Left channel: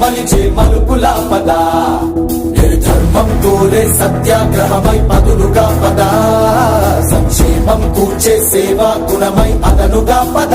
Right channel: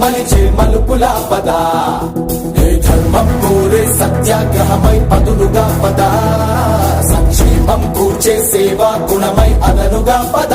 మలిచే మలుపులా పద ధర్మం కోరే సత్యాగ్రహమై పదులుగా పద సంక్షేమం కూర్చే సేవా గుణమై అదనుగా పద